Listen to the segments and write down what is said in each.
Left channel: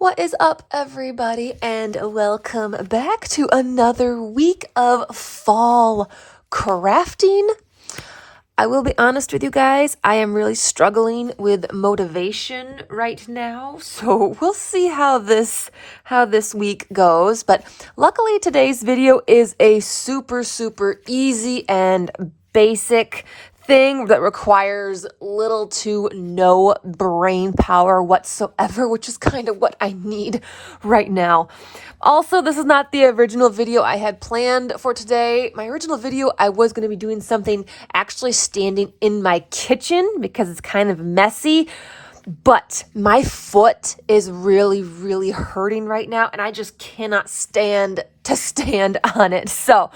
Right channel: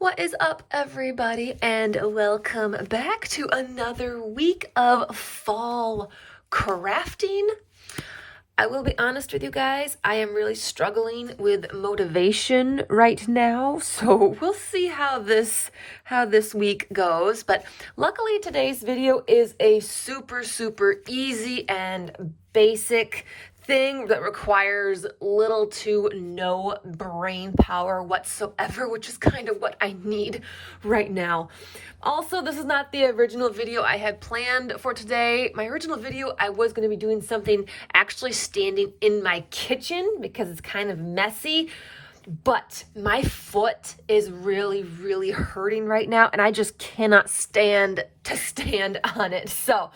What is up, everybody, and welcome back to another week of fall crafting. I will be honest with you guys, I am really struggling with motivation right now, so we'll see how this week goes. But luckily today's video is a super easy and basic thing that requires little to no brain power whatsoever, which is kind of what I need right now. Also, this is not the original video I had planned for today. My original video, I was going to be doing something actually standing in my kitchen because it's kind of messy, but my foot is really hurting right now, and I just cannot stand to stand on it. So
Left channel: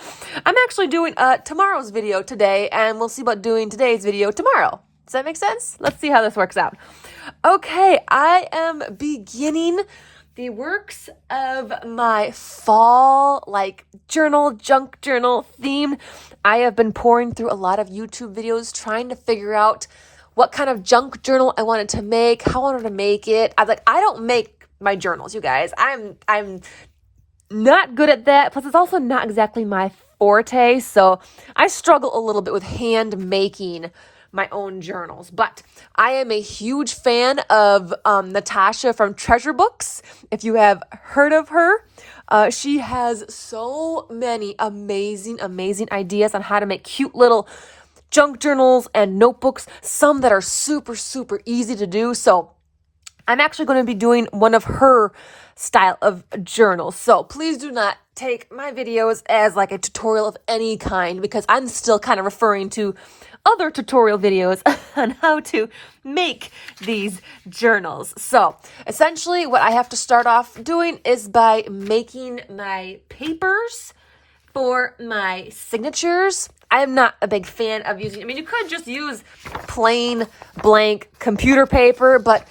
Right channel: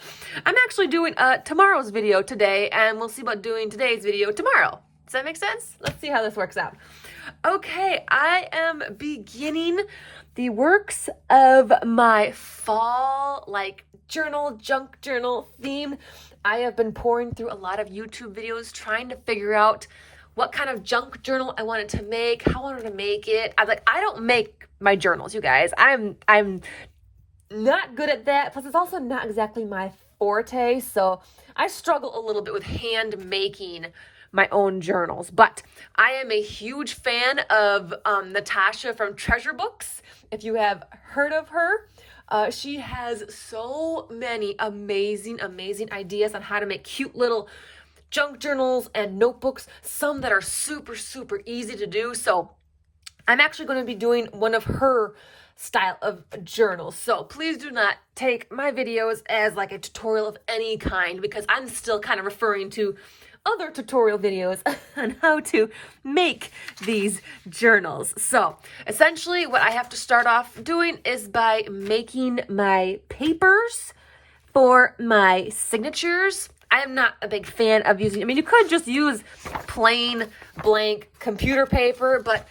I'm actually doing tomorrow's video today, and we'll see about doing today's video tomorrow. Does that make sense? Let's see how this works out. Okay, I am beginning the works of my fall junk journal theme. I have been pouring through a lot of YouTube videos trying to figure out what kind of junk journal I wanted to make, how I wanted to make it. I don't make my journals, you guys. I'm not good at that. Plus, it's also not exactly my forte, so I struggle a little bit with hand making my own journals. But I am a huge fan of Natasha from Treasure Books. If you have heard of her, she has so many amazing ideas on how to make cute little junk journals and notebooks, some that are super easy to do. So I'm actually going to be doing one of her style of journals. So please do not take my videos as like a tutorial of any kind, because I'm still kind of referring to other tutorial videos on how to make these journals. So essentially what I have to start off doing is by making my papers for my signatures. I am not a big fan of using, you could just use plain blank computer paper, but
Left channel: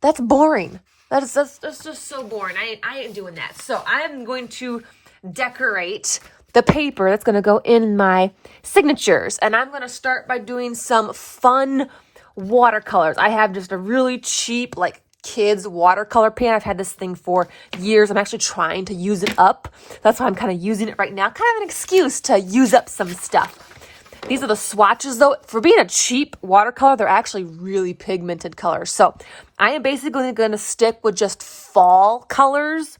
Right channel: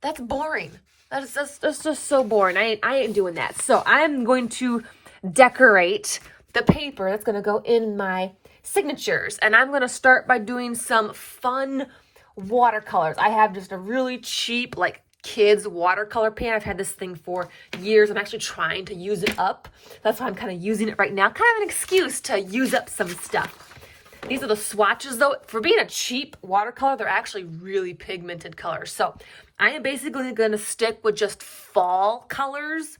that's boring. That's just so boring. I ain't doing that. So I'm going to decorate the paper that's going to go in my signatures. And I'm going to start by doing some fun watercolors. I have just a really cheap, kids watercolor pen. I've had this thing for years. I'm actually trying to use it up. That's why I'm kind of using it right now. Kind of an excuse to use up some stuff. These are the swatches, though. For being a cheap watercolor, they're actually really pigmented colors. So I am basically going to stick with just fall colors.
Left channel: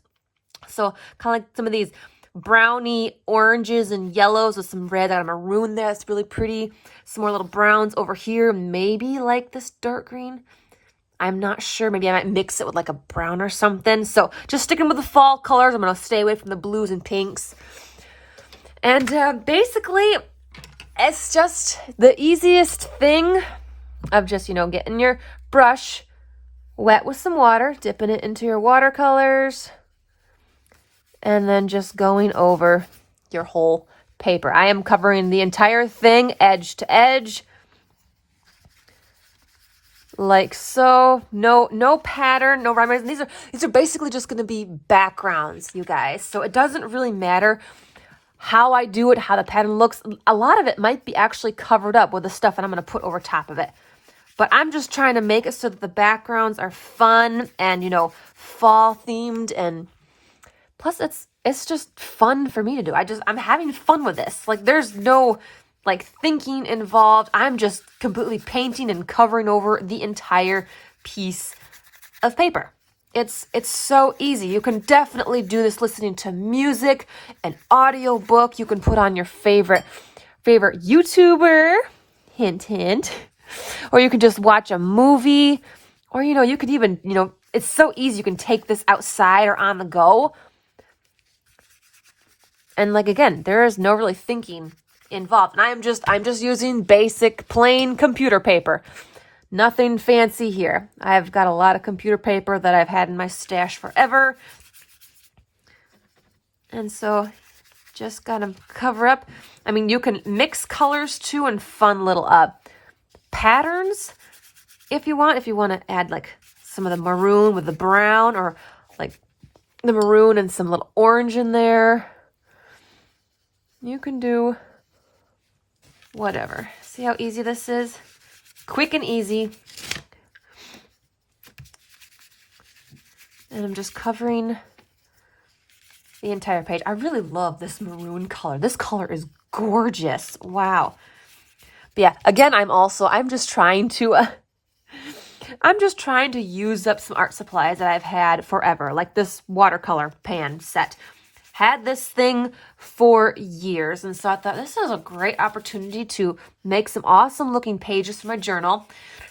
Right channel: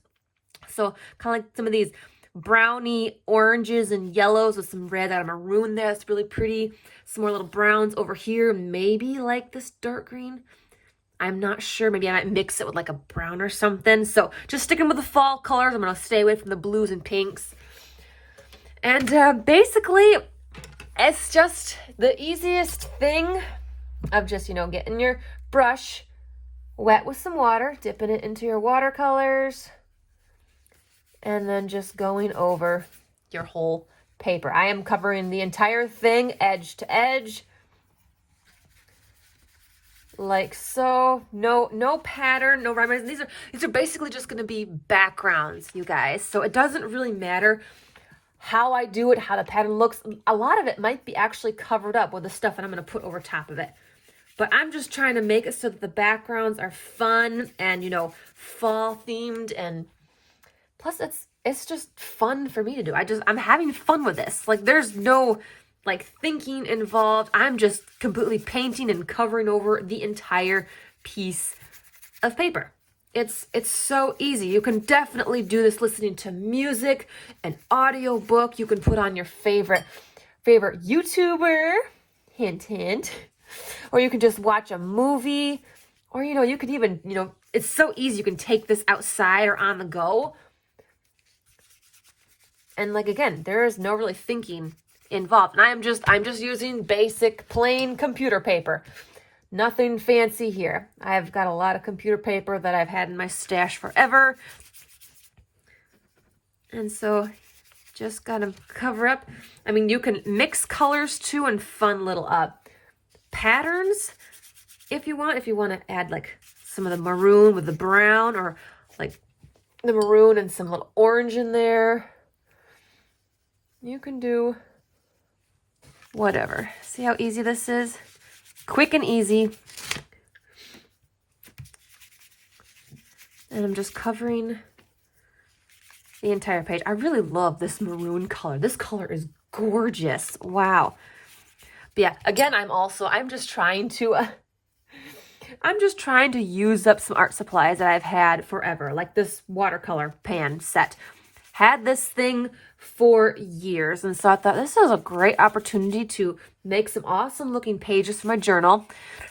So kind of like some of these browny oranges and yellows with some red and a maroon there. That's really pretty. Some more little browns over here. Maybe like this dark green. I'm not sure. Maybe I might mix it with like a brown or something. So just sticking with the fall colors. I'm going to stay away from the blues and pinks. And basically, it's just the easiest thing of just, getting your brush wet with some water, dipping it into your watercolors, and then just going over your whole paper. I am covering the entire thing edge to edge, like so. No pattern, no rhyme. These are basically just going to be backgrounds, you guys. So it doesn't really matter how I do it, how the pattern looks. A lot of it might be actually covered up with the stuff that I'm going to put over top of it. But I'm just trying to make it so that the backgrounds are fun and, fall themed, and plus it's just fun for me to do. I'm having fun with this. There's no thinking involved. I'm just completely painting and covering over the entire piece of paper. It's so easy. You can definitely do this listening to music, an audio book. You can put on your favorite YouTuber, hint, or you can just watch a movie, or you could even, it's so easy. You can take this outside or on the go. And again, there is no really thinking involved. And I'm just using basic plain computer paper. Nothing fancy here. I've got a lot of computer paper that I've had in my stash forever. And so just gotta cover up. You can mix colors too and fun little patterns if you want. If you want to add some of the maroon with the brown, or the maroon and some little orange in there. You can do whatever. See how easy this is? Quick and easy. And I'm just covering the entire page. I really love this maroon color. This color is gorgeous. Wow. But yeah, again, I'm just trying to use up some art supplies that I've had forever, like this watercolor pan set. Had this thing for years, and so I thought this is a great opportunity to make some awesome looking pages for my journal.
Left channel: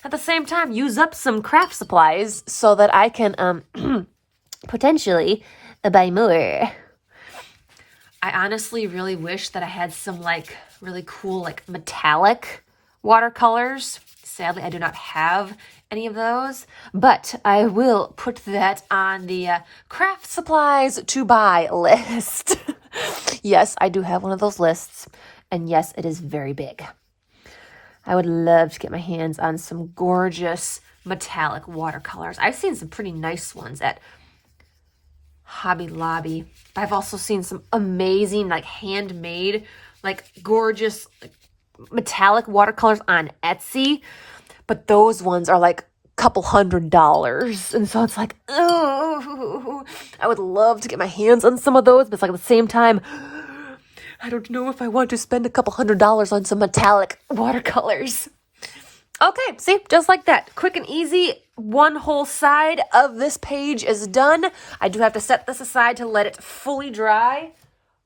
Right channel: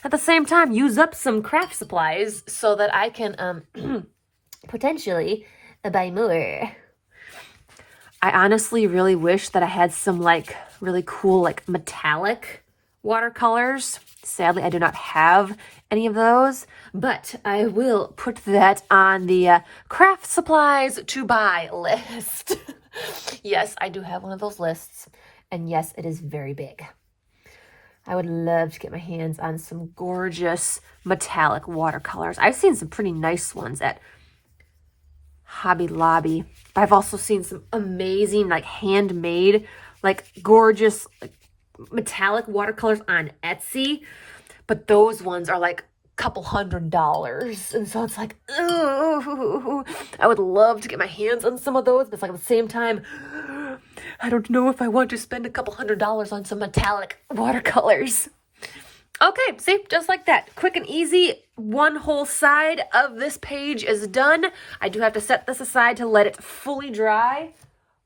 At the same time, use up some craft supplies so that I can potentially buy more. I honestly really wish that I had some like really cool like metallic watercolors. Sadly, I do not have any of those, but I will put that on the craft supplies to buy list. Yes, I do have one of those lists, and yes, it is very big. I would love to get my hands on some gorgeous metallic watercolors. I've seen some pretty nice ones at Hobby Lobby. I've also seen some amazing like handmade, like gorgeous like, metallic watercolors on Etsy, but those ones are like a couple $100s, and so it's like, oh, I would love to get my hands on some of those, but it's like at the same time, I don't know if I want to spend a couple $100s on some metallic watercolors. Okay, see, just like that, quick and easy. One whole side of this page is done. I do have to set this aside to let it fully dry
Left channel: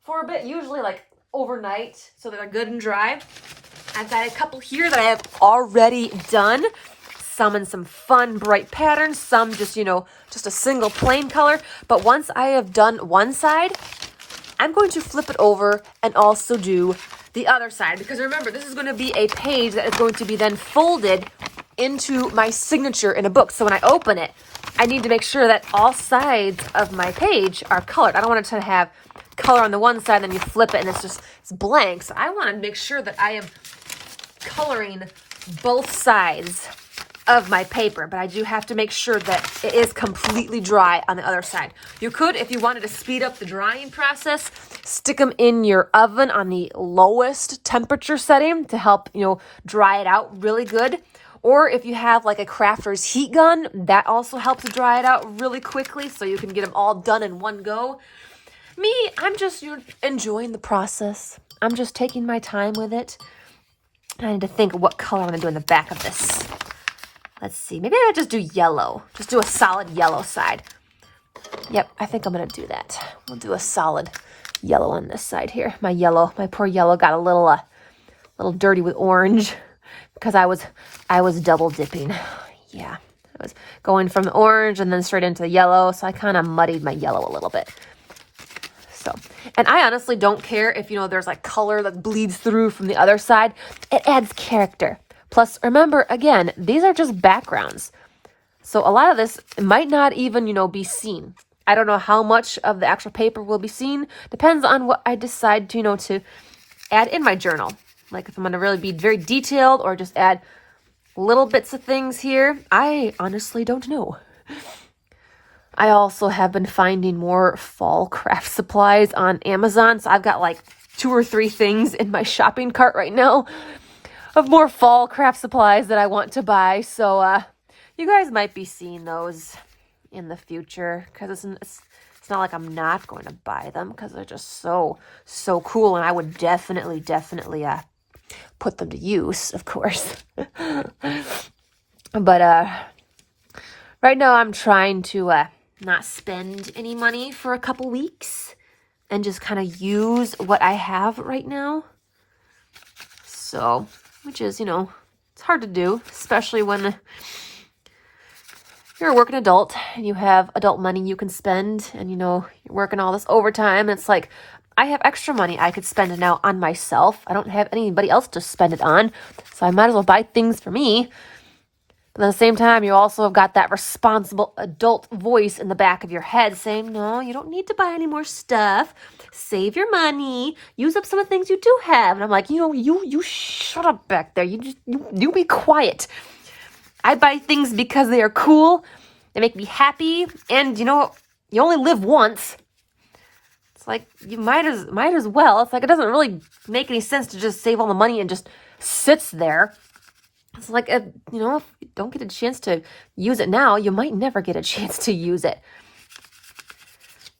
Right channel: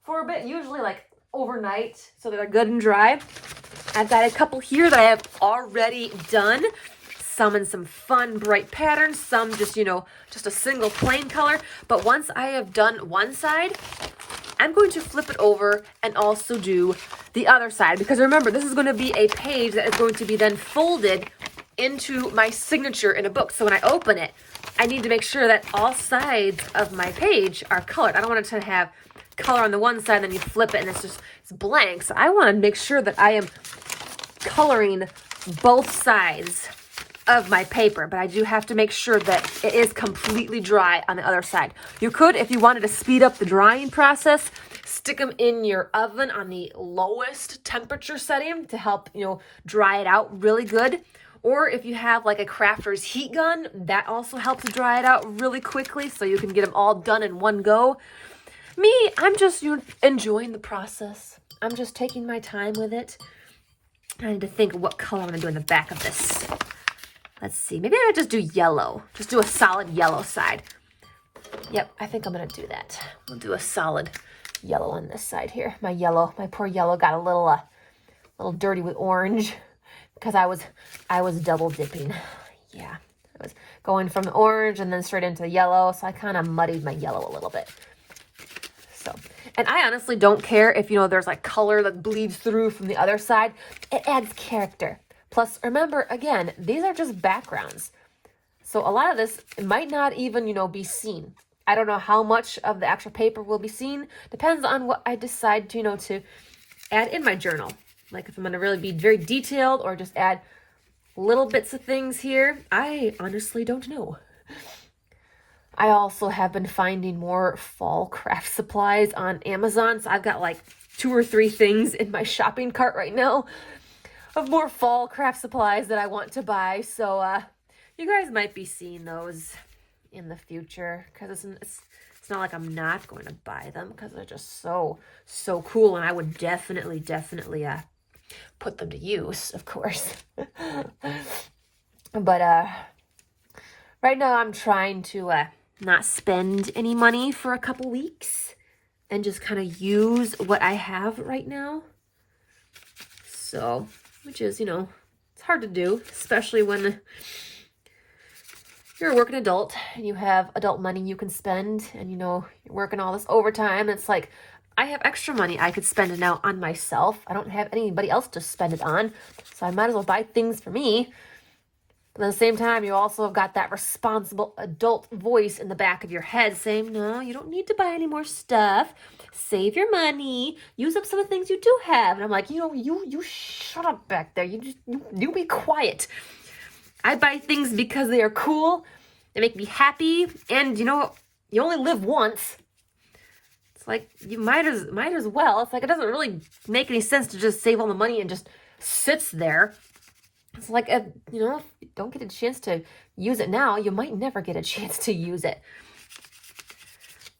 for a bit, usually like overnight, so that they're good and dry. I've got a couple here that I have already done. Some in some fun, bright patterns, some just, just a single plain color. But once I have done one side, I'm going to flip it over and also do the other side. Because remember, this is going to be a page that is going to be then folded into my signature in a book. So when I open it, I need to make sure that all sides of my page are colored. I don't want it to have color on the one side, then you flip it and it's blank. So I want to make sure that I am coloring both sides of my paper, but I do have to make sure that it is completely dry on the other side. You could, if you wanted to speed up the drying process, stick them in your oven on the lowest temperature setting to help, dry it out really good. Or if you have like a crafter's heat gun, that also helps dry it out really quickly so you can get them all done in one go. Me, I'm just enjoying the process. I'm just taking my time with it. I need to think of what color I'm going to do in the back of this. Let's see. Maybe I'll just do yellow. Just do a solid yellow side. Yep, I think I'm going to do that. We'll do a solid yellow on this side here. My poor yellow got a little dirty with orange because I was double dipping. Yeah, I was going from the orange and then straight into the yellow, so I kind of muddied my yellow a little bit. So, and I honestly don't care if, there's like color that bleeds through from the other side. It adds character. Plus, remember, again, these are just backgrounds. So a lot of this might not even, be seen. I don't know how much of the actual paper will be seen. Depends on what I decide to, to add in my journal. Like if I'm going to really be very detailed or just add little bits of things here. I honestly don't know. I also have been finding more fall craft supplies on Amazon. So I've got like 2 or 3 things in my shopping cart right now of more fall craft supplies that I want to buy. So you guys might be seeing those in the future because it's not like I'm not going to buy them because they're just so cool. And I would definitely put them to use, of course. But right now I'm trying to not spend any money for a couple weeks and just kind of use what I have right now. So, which is, it's hard to do, especially when you're a working adult and you have adult money you can spend and, you're working all this overtime. It's like, I have extra money I could spend it now on myself. I don't have anybody else to spend it on, so I might as well buy things for me. But at the same time, you also have got that responsible adult voice in the back of your head saying, no, you don't need to buy any more stuff. Save your money. Use up some of the things you do have. And I'm like, you shut up back there. You be quiet. I buy things because they are cool. They make me happy. And, you only live once. It's like, you might as well. It's like, it doesn't really make any sense to just save all the money and just sits there. It's like, if you don't get a chance to use it now, you might never get a chance to use it.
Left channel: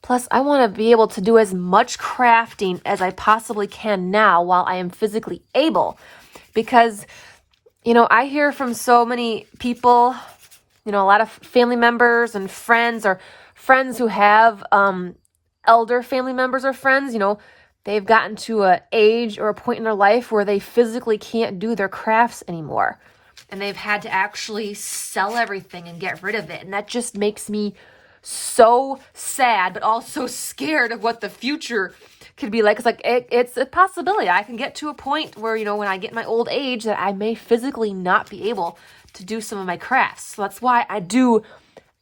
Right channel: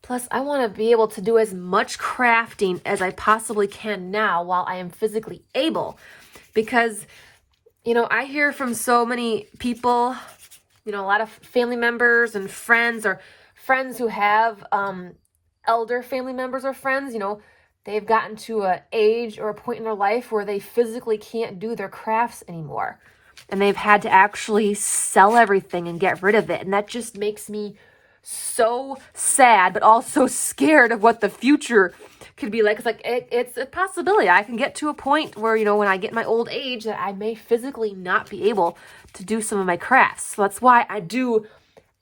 Plus, I want to be able to do as much crafting as I possibly can now while I am physically able. Because, you know, I hear from so many people, you know, a lot of family members and friends, or friends who have elder family members or friends, you know, they've gotten to an age or a point in their life where they physically can't do their crafts anymore. And they've had to actually sell everything and get rid of it. And that just makes me so sad, but also scared of what the future could be like. It's like, it's a possibility. I can get to a point where, you know, when I get my old age, that I may physically not be able to do some of my crafts. So that's why I do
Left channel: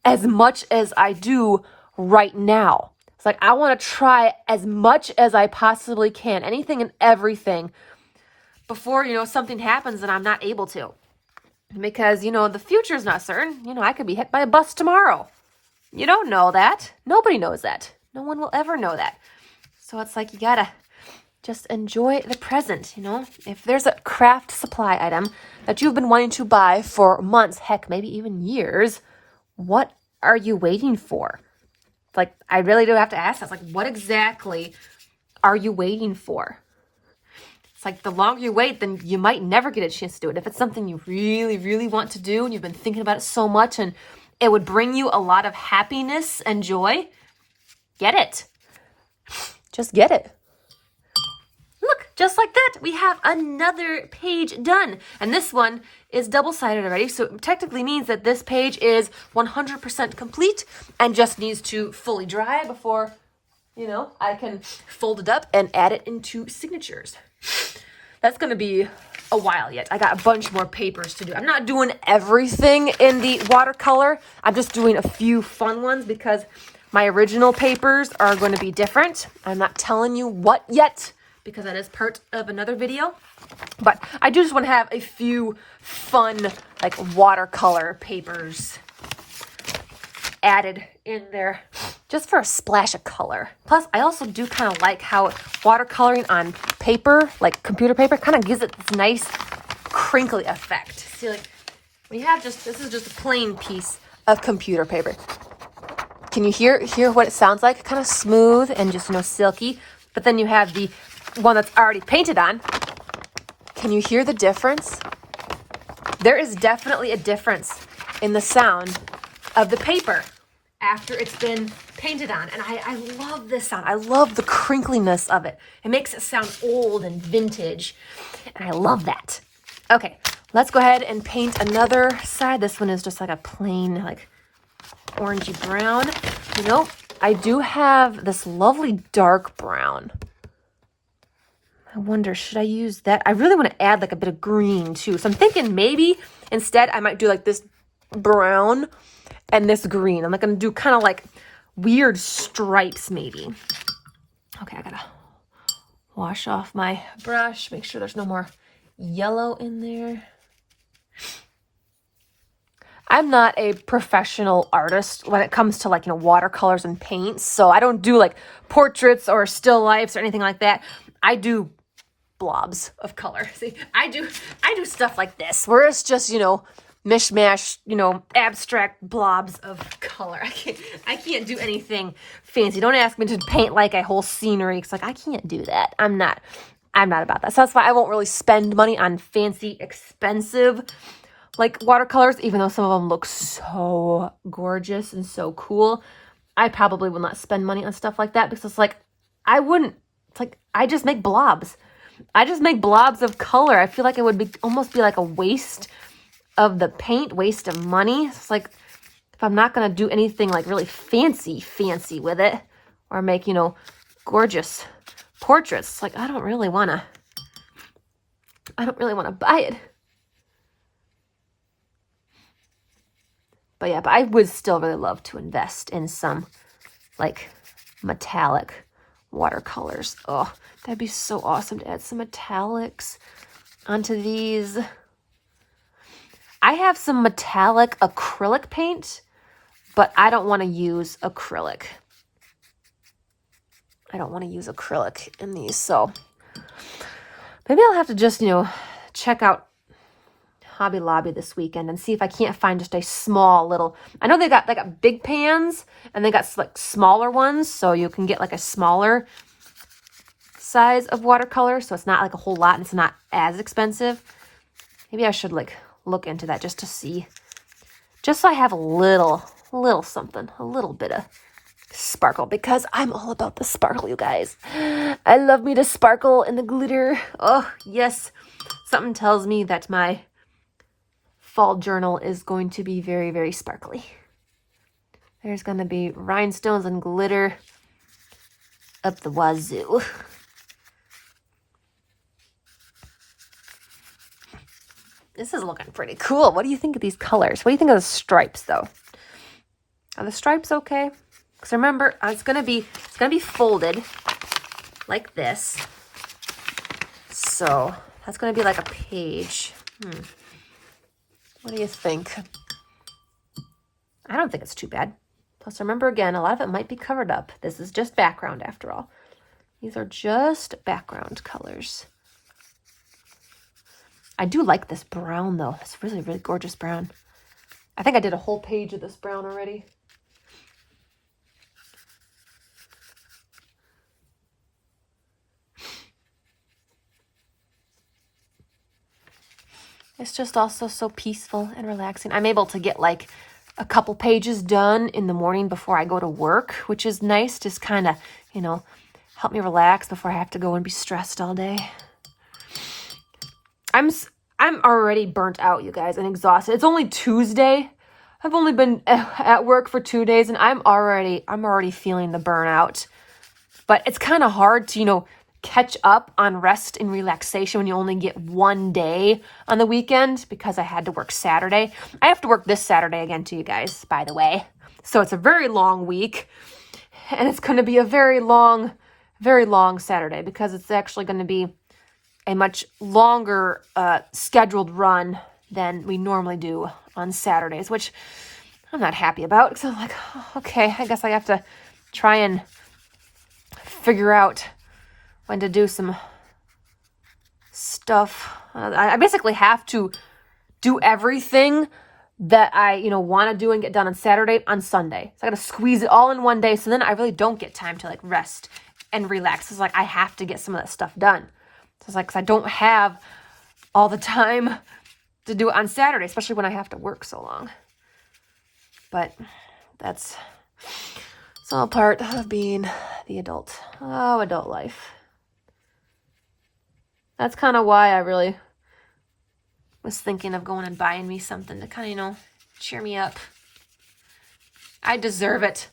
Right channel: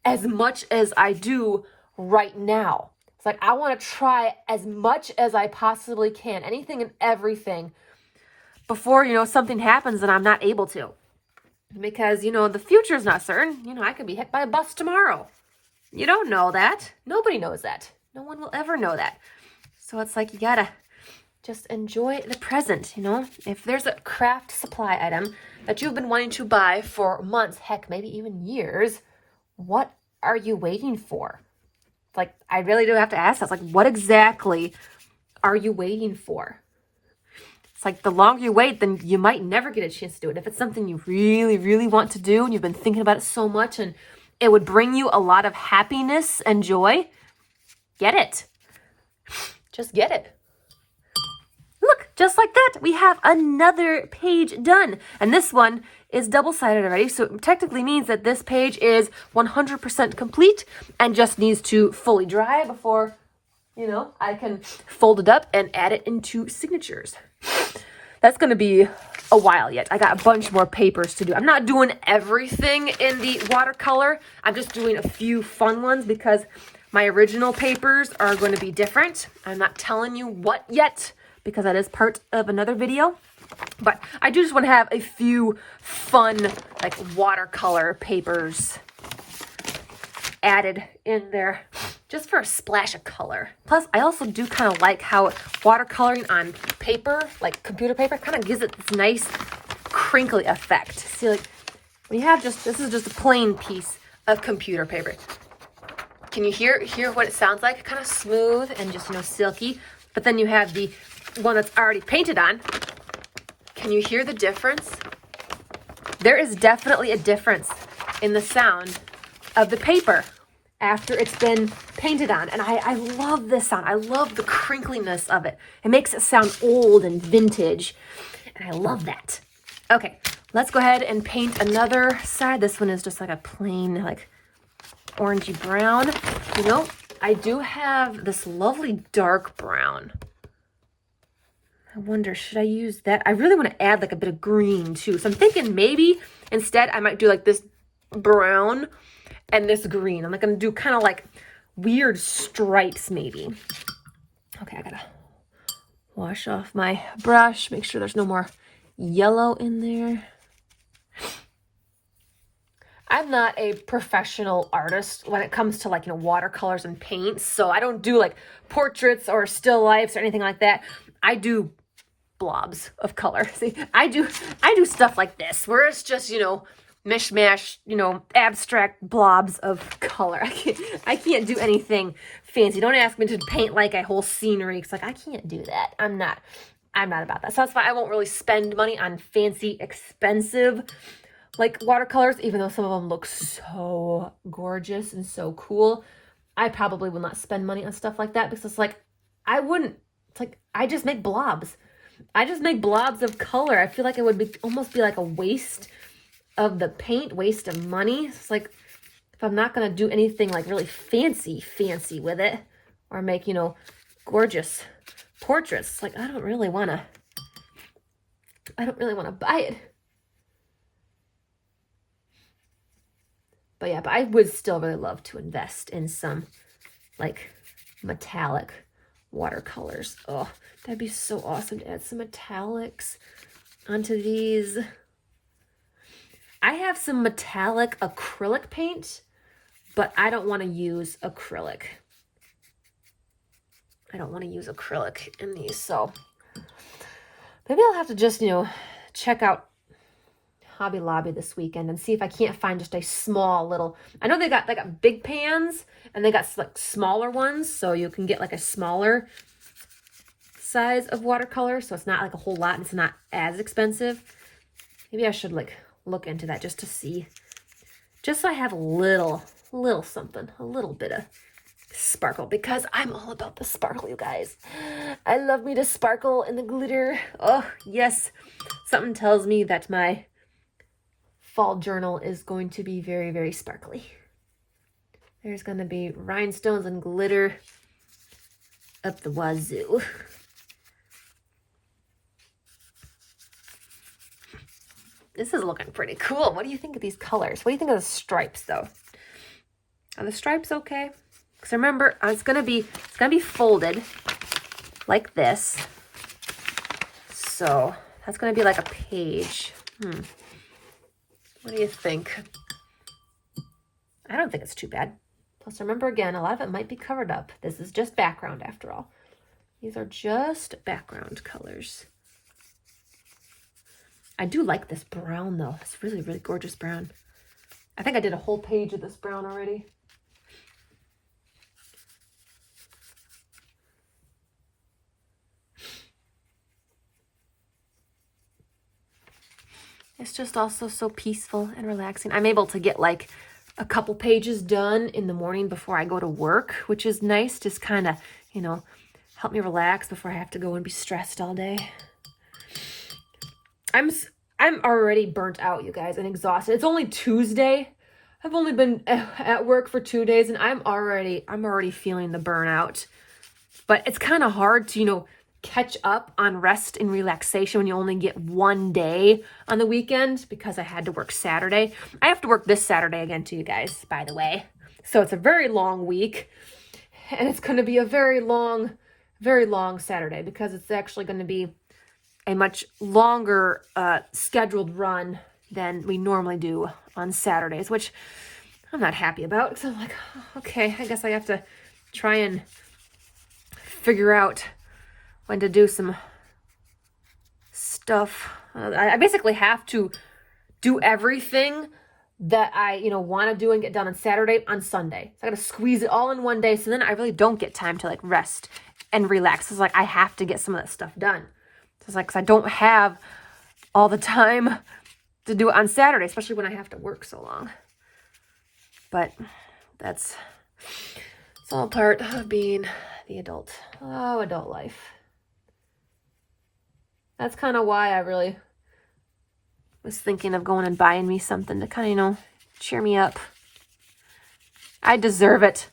as much as I do right now. It's like, I want to try as much as I possibly can, anything and everything, before, you know, something happens and I'm not able to. Because, you know, the future is not certain. You know, I could be hit by a bus tomorrow. You don't know that. Nobody knows that. No one will ever know that. So it's like, you gotta just enjoy the present, you know? If there's a craft supply item that you've been wanting to buy for months, heck, maybe even years, what are you waiting for? Like, I really do have to ask that. It's like, what exactly are you waiting for? It's like, the longer you wait, then you might never get a chance to do it. If it's something you really, really want to do and you've been thinking about it so much and it would bring you a lot of happiness and joy, get it. Just get it. Look, just like that, we have another page done. And this one is double-sided already, so it technically means that this page is 100% complete and just needs to fully dry before, you know, I can fold it up and add it into signatures. That's going to be a while yet. I got a bunch more papers to do. I'm not doing everything in the watercolor. I'm just doing a few fun ones because my original papers are going to be different. I'm not telling you what yet because that is part of another video. But I do just want to have a few fun, like, watercolor papers added in there just for a splash of color. Plus, I also do kind of like how watercoloring on paper, like computer paper, kind of gives it this nice crinkly effect. See, like, we have just, this is just a plain piece of computer paper. Can you hear what it sounds like? Kind of smooth and just, you know, silky. But then you have the one that's already painted on. Can you hear the difference? There is definitely a difference in the sound of the paper after it's been painted on. And I love this sound. I love the crinkliness of it. It makes it sound old and vintage. And I love that. Okay, let's go ahead and paint another side. This one is just like a plain, like, orangey brown. You know, I do have this lovely dark brown. I wonder, should I use that? I really want to add like a bit of green too. So I'm thinking maybe instead I might do like this brown and this green. I'm like going to do kind of like weird stripes maybe. Okay, I gotta wash off my brush, make sure there's no more yellow in there. I'm not a professional artist when it comes to, like, you know, watercolors and paints. So I don't do like portraits or still lifes or anything like that. I do blobs of color. See, I do stuff like this where it's just, you know, mishmash, you know, abstract blobs of color. I can't do anything fancy. Don't ask me to paint like a whole scenery. It's like, I can't do that. I'm not about that. So that's why I won't really spend money on fancy, expensive, like, watercolors, even though some of them look so gorgeous and so cool. I probably will not spend money on stuff like that because it's like, I wouldn't. It's like, I just make blobs. I just make blobs of color. I feel like it would be almost be like a waste of the paint, waste of money. It's like, if I'm not going to do anything like really fancy with it or make, you know, gorgeous portraits, it's like, I don't really want to buy it. But yeah, but I would still really love to invest in some, like, metallic watercolors. Oh, that'd be so awesome to add some metallics onto these. I have some metallic acrylic paint, but I don't want to use acrylic. I don't want to use acrylic in these, so maybe I'll have to just, you know, check out Hobby Lobby this weekend and see if I can't find just a small little, I know they got big pans and they got like smaller ones, so you can get like a smaller size of watercolor, so it's not like a whole lot and it's not as expensive. Maybe I should like look into that just to see, just so I have a little something, a little bit of sparkle, because I'm all about the sparkle, you guys. I love me to sparkle and the glitter. Oh yes, something tells me that my fall journal is going to be very, very sparkly. There's gonna be rhinestones and glitter up the wazoo. This is looking pretty cool. What do you think of these colors? What do you think of the stripes though? Are the stripes okay? Because remember, it's gonna be folded like this. So that's gonna be like a page. What do you think? I don't think it's too bad. Plus remember again, a lot of it might be covered up. This is just background after all. These are just background colors. I do like this brown though. It's really, really gorgeous brown. I think I did a whole page of this brown already. It's just also so peaceful and relaxing. I'm able to get like a couple pages done in the morning before I go to work, which is nice. Just kind of, you know, help me relax before I have to go and be stressed all day. I'm already burnt out, you guys, and exhausted. It's only Tuesday. I've only been at work for 2 days and I'm already feeling the burnout. But it's kind of hard to, you know, catch up on rest and relaxation when you only get 1 day on the weekend, because I had to work Saturday. I have to work this Saturday again too, you guys, by the way. So it's a very long week and it's going to be a very long Saturday, because it's actually going to be a much longer scheduled run than we normally do on Saturdays, which I'm not happy about, because I'm like, oh, okay, I guess I have to try and figure out when to do some stuff. I basically have to do everything that I, you know, want to do and get done on Saturday on Sunday. So I got to squeeze it all in one day. So then I really don't get time to like rest and relax. It's like I have to get some of that stuff done. So it's like, 'cause I don't have all the time to do it on Saturday, especially when I have to work so long. But that's all part of being the adult. Oh, adult life. That's kind of why I really was thinking of going and buying me something to kind of, you know, cheer me up. I deserve it.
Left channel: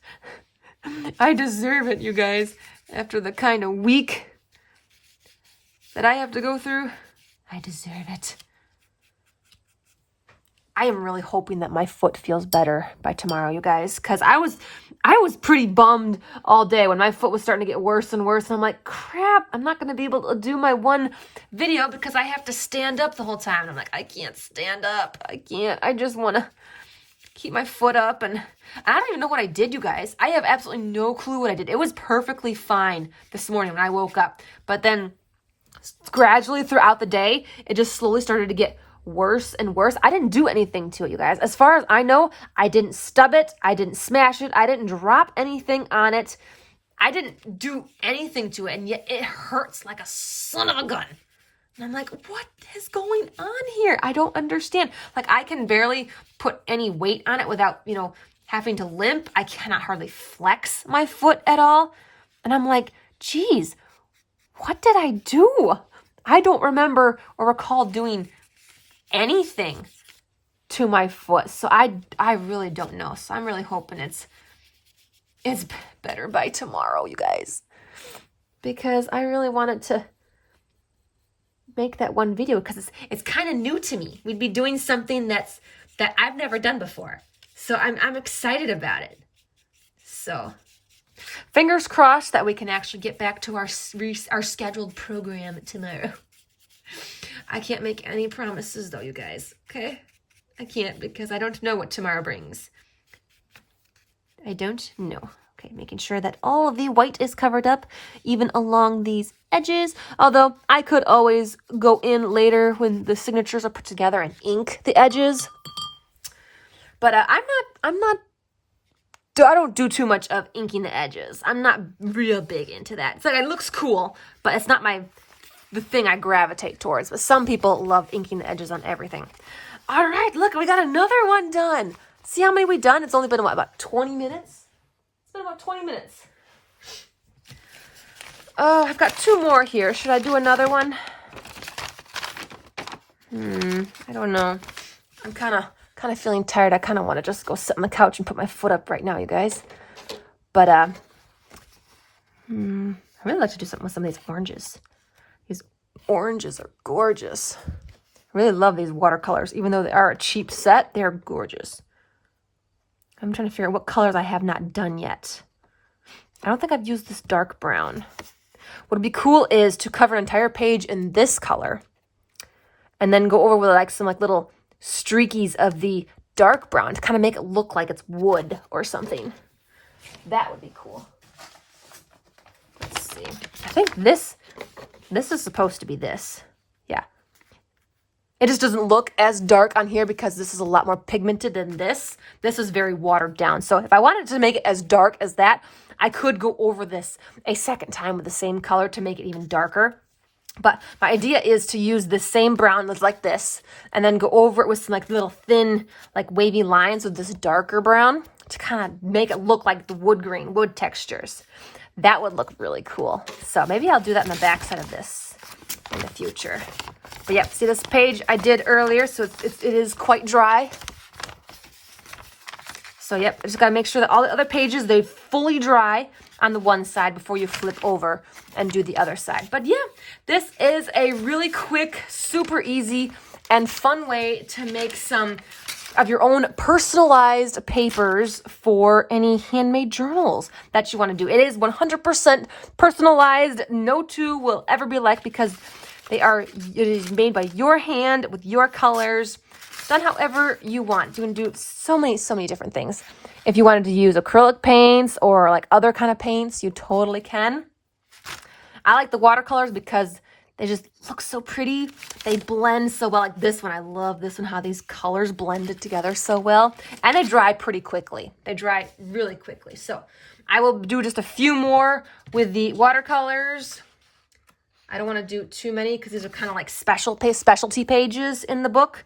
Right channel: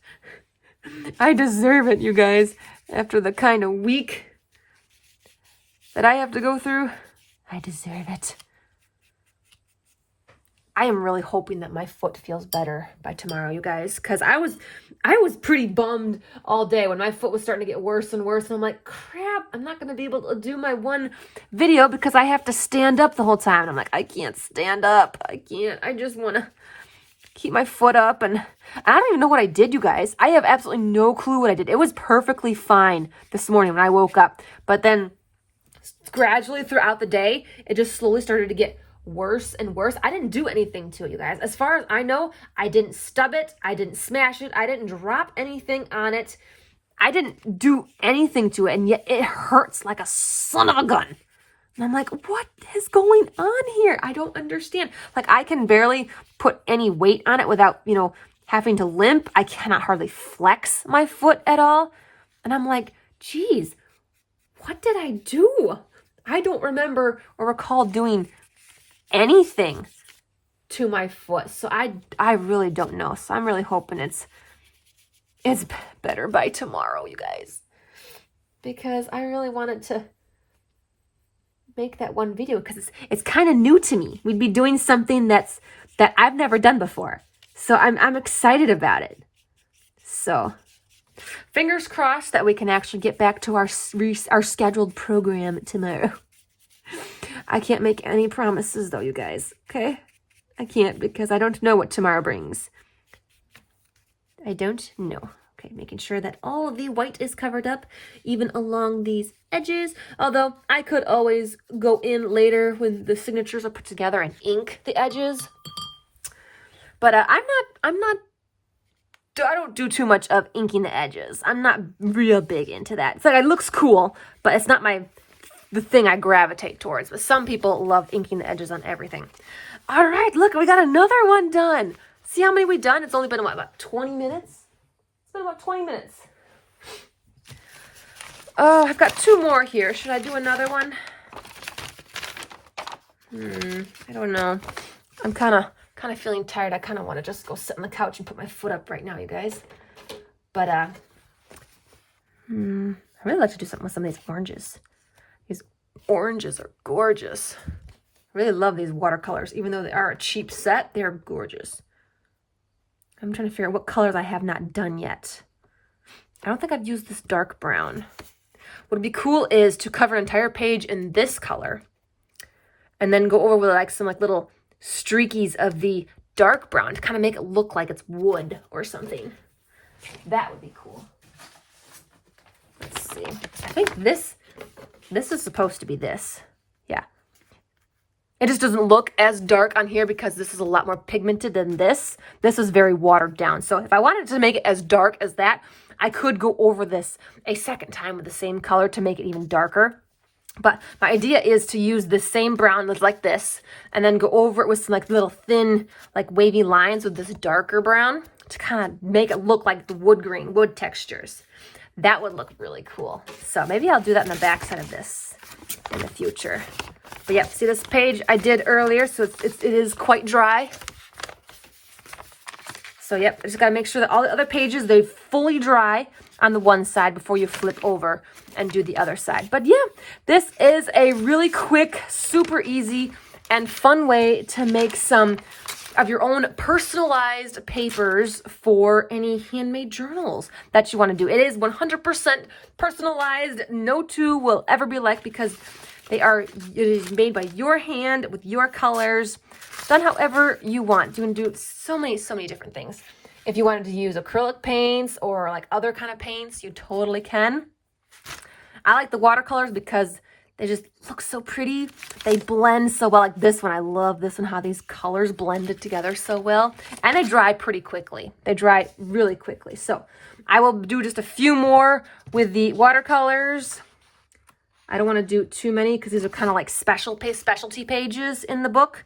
I deserve it, you guys. After the kind of week that I have to go through, I deserve it. I am really hoping that my foot feels better by tomorrow, you guys, because I was pretty bummed all day when my foot was starting to get worse and worse. And I'm like, crap, I'm not going to be able to do my one video because I have to stand up the whole time. And I'm like, I can't stand up. I can't. I just want to keep my foot up. And I don't even know what I did, you guys. I have absolutely no clue what I did. It was perfectly fine this morning when I woke up. But then gradually throughout the day, it just slowly started to get worse and worse. I didn't do anything to it, you guys. As far as I know, I didn't stub it. I didn't smash it. I didn't drop anything on it. I didn't do anything to it. And yet it hurts like a son of a gun. And I'm like, what is going on here? I don't understand. Like, I can barely put any weight on it without, you know, having to limp. I cannot hardly flex my foot at all. And I'm like, geez, what did I do? I don't remember or recall doing anything to my foot. So I really don't know. So I'm really hoping it's better by tomorrow, you guys. Because I really wanted to make that one video because it's kind of new to me. We'd be doing something that I've never done before. So I'm excited about it. So fingers crossed that we can actually get back to our scheduled program tomorrow. I can't make any promises though, you guys, okay? I can't because I don't know what tomorrow brings. I don't know, Okay, making sure that all of the white is covered up, even along these edges. Although I could always go in later when the signatures are put together and ink the edges. But I don't do too much of inking the edges. I'm not real big into that. It's like, it looks cool, but it's not the thing I gravitate towards. But some people love inking the edges on everything. All right, look, we got another one done. See how many we've done? It's only been, what, about 20 minutes? It's been about 20 minutes. Oh, I've got 2 more here. Should I do another one? I don't know. I'm kind of feeling tired. I kind of want to just go sit on the couch and put my foot up right now, you guys. But I really like to do something with some of these oranges. These oranges are gorgeous. I really love these watercolors. Even though they are a cheap set, they're gorgeous. I'm trying to figure out what colors I have not done yet. I don't think I've used this dark brown. What would be cool is to cover an entire page in this color and then go over with like some like little streakies of the dark brown to kind of make it look like it's wood or something. That would be cool. Let's see. I think this is supposed to be this. Yeah. It just doesn't look as dark on here because this is a lot more pigmented than this. This is very watered down. So if I wanted to make it as dark as that, I could go over this a second time with the same color to make it even darker. But my idea is to use the same brown that's like this and then go over it with some like little thin, like wavy lines with this darker brown to kind of make it look like the wood textures. That would look really cool. So maybe I'll do that in the back side of this in the future. But yeah, see this page I did earlier, so it is quite dry. So yep, I just got to make sure that all the other pages, they fully dry on the one side before you flip over and do the other side. But yeah, this is a really quick, super easy, and fun way to make some of your own personalized papers for any handmade journals that you want to do. It is 100% personalized. No two will ever be alike because it is made by your hand with your colors, done however you want. You can do so many different things. If you wanted to use acrylic paints or like other kind of paints, you totally can. I like the watercolors because they just look so pretty. They blend so well. Like this one, I love this one, how these colors blended together so well. And they dry pretty quickly. They dry really quickly. So I will do just a few more with the watercolors. I don't want to do too many because these are kind of like specialty pages in the book.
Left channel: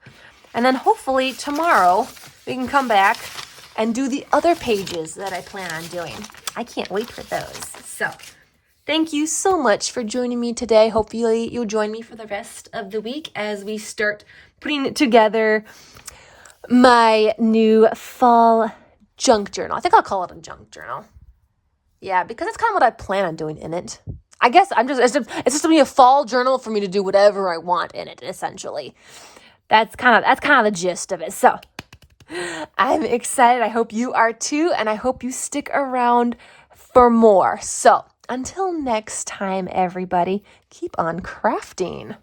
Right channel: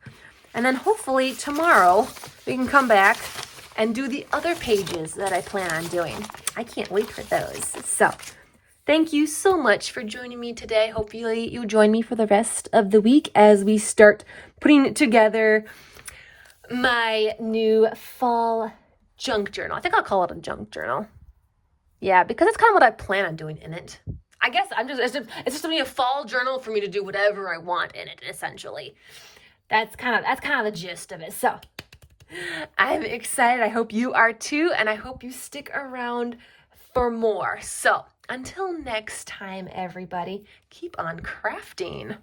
And then hopefully tomorrow we can come back and do the other pages that I plan on doing. I can't wait for those. So thank you so much for joining me today. Hopefully you'll join me for the rest of the week as we start putting together my new fall junk journal. I think I'll call it a junk journal. Yeah, because it's kind of what I plan on doing in it. I guess it's just gonna be a fall journal for me to do whatever I want in it, essentially. That's kind of the gist of it. So I'm excited. I hope you are too, and I hope you stick around for more. So until next time, everybody, keep on crafting.